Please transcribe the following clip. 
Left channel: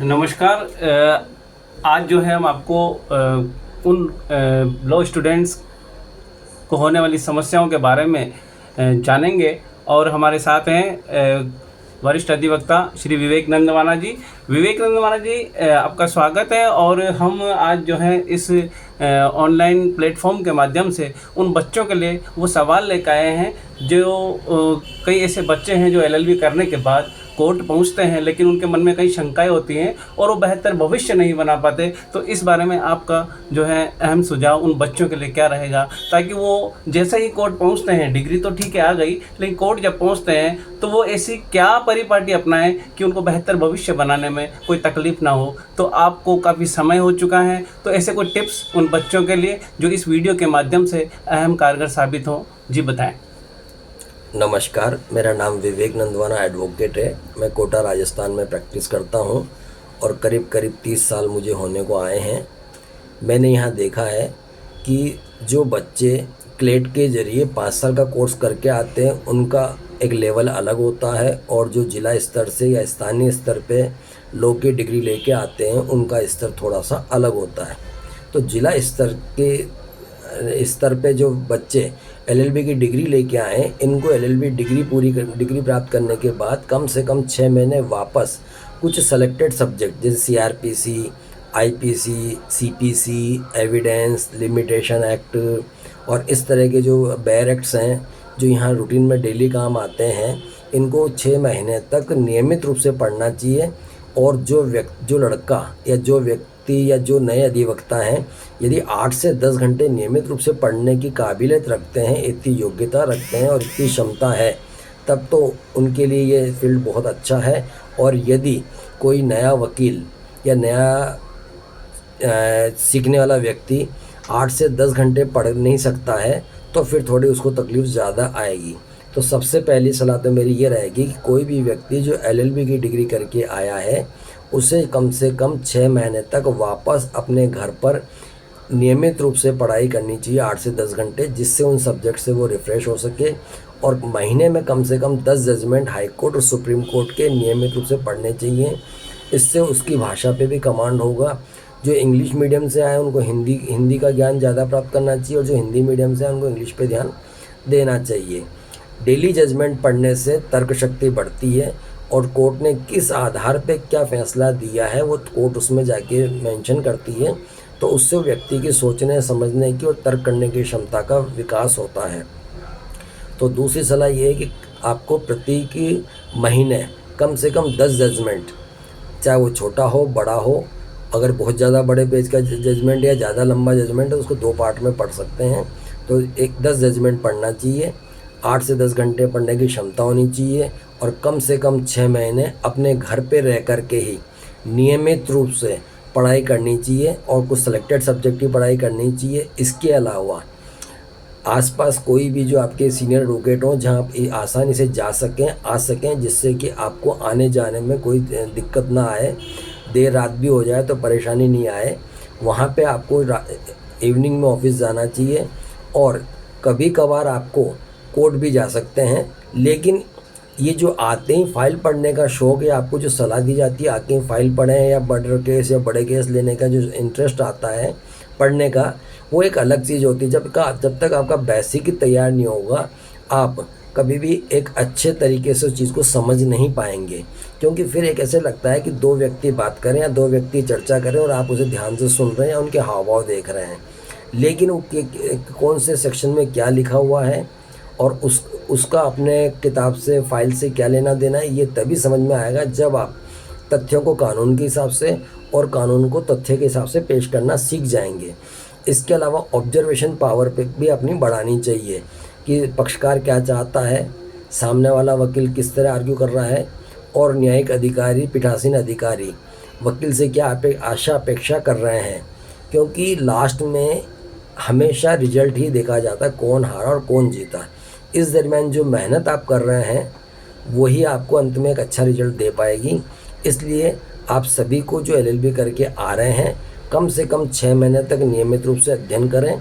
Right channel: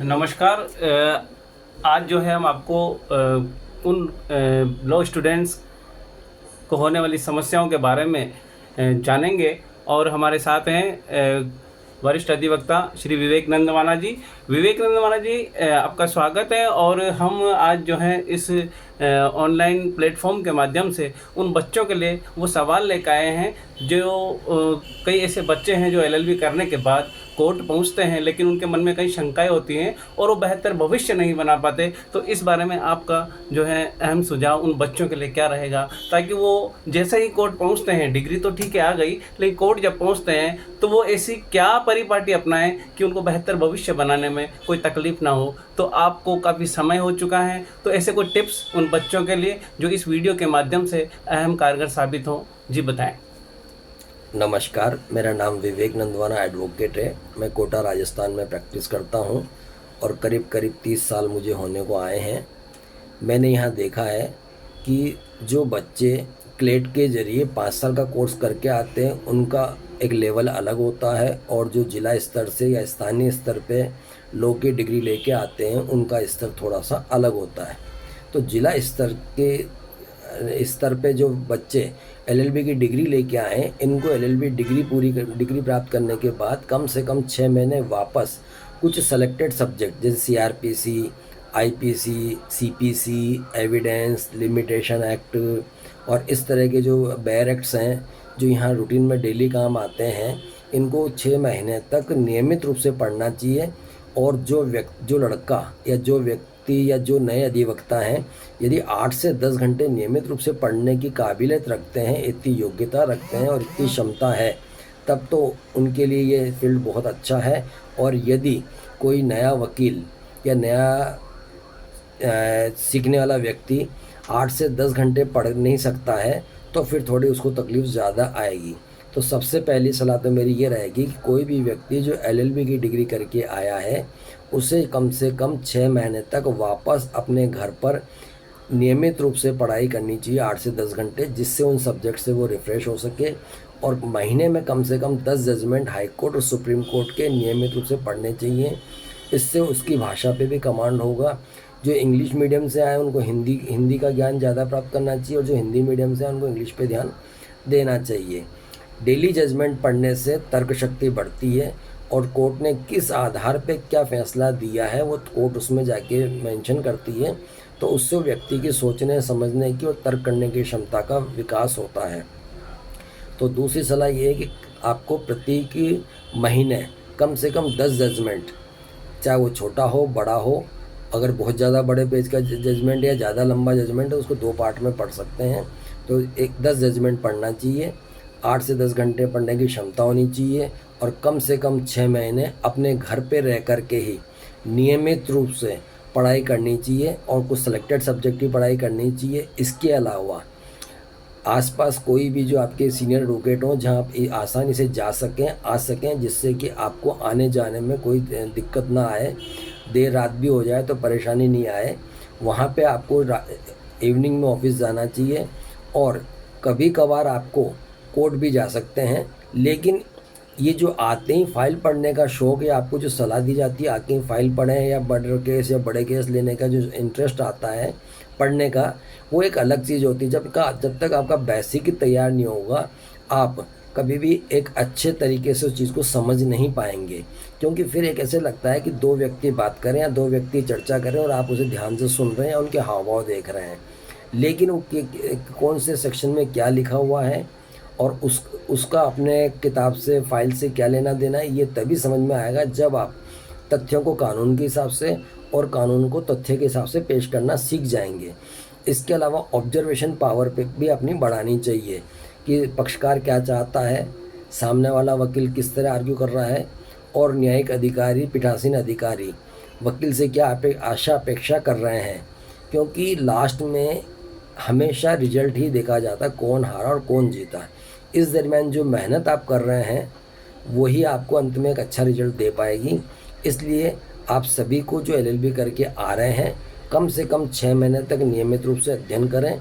नमस्कार। आज जो है हम आपको उन लॉ स्टूडेंट्स को होने वाली समस्याओं के बारे में जानेंगे और हमारे साथ हैं वरिष्ठ अधिवक्ता श्री विवेक नंदवाना जी। विवेक नंदवाना जी, आपका स्वागत है। और हम आज जो है इस ऑनलाइन प्लेटफॉर्म के माध्यम से उन बच्चों के लिए वो सवाल लेकर आए हैं जो कई ऐसे बच्चे हैं जो एलएलबी करने के बाद कोर्ट पहुंचते हैं, लेकिन उनके मन में कई शंकाएं होती हैं और वो बेहतर भविष्य नहीं बना पाते। तो इस बारे में आपका जो है अहम सुझाव उन बच्चों के लिए क्या रहेगा, ताकि वो जैसे ही कोर्ट पहुंचते हैं, डिग्री तो ठीक है आ गई, लेकिन कोर्ट जब पहुंचते हैं तो वो ऐसी क्या परिपाटी अपनाएं कि उनको बेहतर भविष्य बनाने में कोई तकलीफ ना हो। तो आपको काफ़ी समय हो चुका है, तो ऐसे कोई टिप्स उन बच्चों के लिए जो इस वीडियो के माध्यम से अहम कारगर साबित हो, जी बताएँ। नमस्कार, मेरा नाम विवेक नंदवाना एडवोकेट है। मैं कोटा राजस्थान में प्रैक्टिस करता हूं और करीब 30 साल मुझे होने को आए हैं। मैंने यहां देखा है कि जो बच्चे क्लेट के ज़रिए 5 साल का कोर्स करके आते हैं उनका एक लेवल अलग होता है, और जो जिला स्तर से या स्थानीय स्तर पे लॉ की डिग्री लेके आते हैं उनका स्तर थोड़ा सा अलग होता है। तो जिला स्तर पे जो बच्चे एलएलबी की डिग्री लेके आए, इनको एलएलबी डिग्री प्राप्त करने के बाद कम से कम 6 महीने वापस कुछ सेलेक्टेड सब्जेक्ट जैसे CrPC, IPC, CPC, evidence limitation act और इस तरह के जो बेयर एक्ट्स हैं जो यहाँ रूटीन में डेली काम आते हैं, इनको 6 महीने तक नियमित रूप से पढ़ना चाहिए। और जो लड़का या जो व्यक्ति या जो नए अधिवक्ता हैं, यदि 8 से 10 घंटे नियमित रूप से पढ़ने की काबिलियत रखते हैं, इतनी योग्यता रखते हैं और इतनी क्षमता है, तब तो उनके लिए ये फील्ड बहुत अच्छा है। और यदि कोई नया वकील या नया सीखने वाला व्यक्ति 8 से 10 घंटे पढ़ नहीं सकता है, तो फिर थोड़ी उसको तकलीफ ज़्यादा आएगी। तो सबसे पहली सलाह तो मेरी ये रहेगी कि कोई भी व्यक्ति जो एलएलबी की डिग्री करके आया है, उसे कम से कम 6 महीने तक वापस अपने घर पर नियमित रूप से पढ़ाई करनी चाहिए 8 से 10 घंटे, जिससे उन सब्जेक्ट से वो रिफ़्रेश हो सके। और महीने में कम से कम 10 जजमेंट हाई कोर्ट और सुप्रीम कोर्ट के नियमित रूप से पढ़ने चाहिए। इससे उसकी भाषा पे भी कमांड होगा। जो इंग्लिश मीडियम से आए उनको हिंदी का ज्ञान ज़्यादा प्राप्त करना चाहिए, और जो हिंदी मीडियम से आए उनको इंग्लिश पे ध्यान देना चाहिए। डेली जजमेंट पढ़ने से तर्क शक्ति बढ़ती है, और कोर्ट ने किस आधार पे क्या फ़ैसला दिया है वो कोर्ट उसमें जाके मेंशन करती है। तो उससे व्यक्ति की सोचने समझने की और तर्क करने की क्षमता का विकास होता है। तो दूसरी सलाह ये है कि आपको प्रति महीने कम से कम 10 जजमेंट, चाहे वो छोटा हो बड़ा हो, अगर बहुत ज़्यादा बड़े पेज का जजमेंट या ज़्यादा लंबा जजमेंट है उसको 2 पार्ट में पढ़ सकते हैं। तो 10 जजमेंट पढ़ना चाहिए, 8 से 10 घंटे पढ़ने की क्षमता होनी चाहिए, और कम से कम 6 महीने अपने घर पे रह कर के ही नियमित रूप से पढ़ाई करनी चाहिए, और कुछ सेलेक्टेड सब्जेक्ट की पढ़ाई करनी चाहिए। इसके अलावा आसपास कोई भी जो आपके सीनियर एडवोकेट हों जहाँ आप आसानी से आ सकें, जिससे कि आपको आने जाने में कोई दिक्कत ना आए, देर रात भी हो जाए तो परेशानी नहीं आए। वहाँ पे आपको इवनिंग में ऑफिस जाना चाहिए, और कभी कभार आपको कोर्ट भी जा सकते हैं। लेकिन ये जो आते ही फाइल पढ़ने का शौक़ है, आपको जो सलाह दी जाती है आके फाइल पढ़ें या मर्डर केस या बड़े केस लेने का जो इंटरेस्ट आता है पढ़ने का, वो एक अलग चीज़ होती है। जब तक आपका बेसिक ही तैयार नहीं होगा, आप कभी भी एक अच्छे तरीके से उस चीज़ को समझ नहीं पाएंगे। क्योंकि फिर एक ऐसे लगता है कि 2 व्यक्ति बात करें या 2 व्यक्ति चर्चा करें और आप उसे ध्यान से सुन रहे हैं या उनके हाव भाव देख रहे हैं, लेकिन वो कौन से सेक्शन में क्या लिखा हुआ है और उसका अपने किताब से फाइल से क्या लेना देना है, ये तभी समझ में आएगा जब आप तथ्यों को कानून के हिसाब से और कानून को तथ्य के हिसाब से पेश करना सीख जाएंगे। इसके अलावा ऑब्जर्वेशन पावर पे भी अपनी बढ़ानी चाहिए कि पक्षकार क्या चाहता है, सामने वाला वकील किस तरह आर्ग्यू कर रहा है, और न्यायिक अधिकारी पीठासीन अधिकारी वकील से क्या अपेक्षा कर रहे हैं। क्योंकि लास्ट में हमेशा रिजल्ट ही देखा जाता है, कौन हारा और कौन जीता। इस दरमियान जो मेहनत आप कर रहे हैं वही आपको अंत में एक अच्छा रिजल्ट दे पाएगी। इसलिए आप सभी को जो एलएलबी करके आ रहे हैं, कम से कम 6 महीने तक नियमित रूप से अध्ययन करें।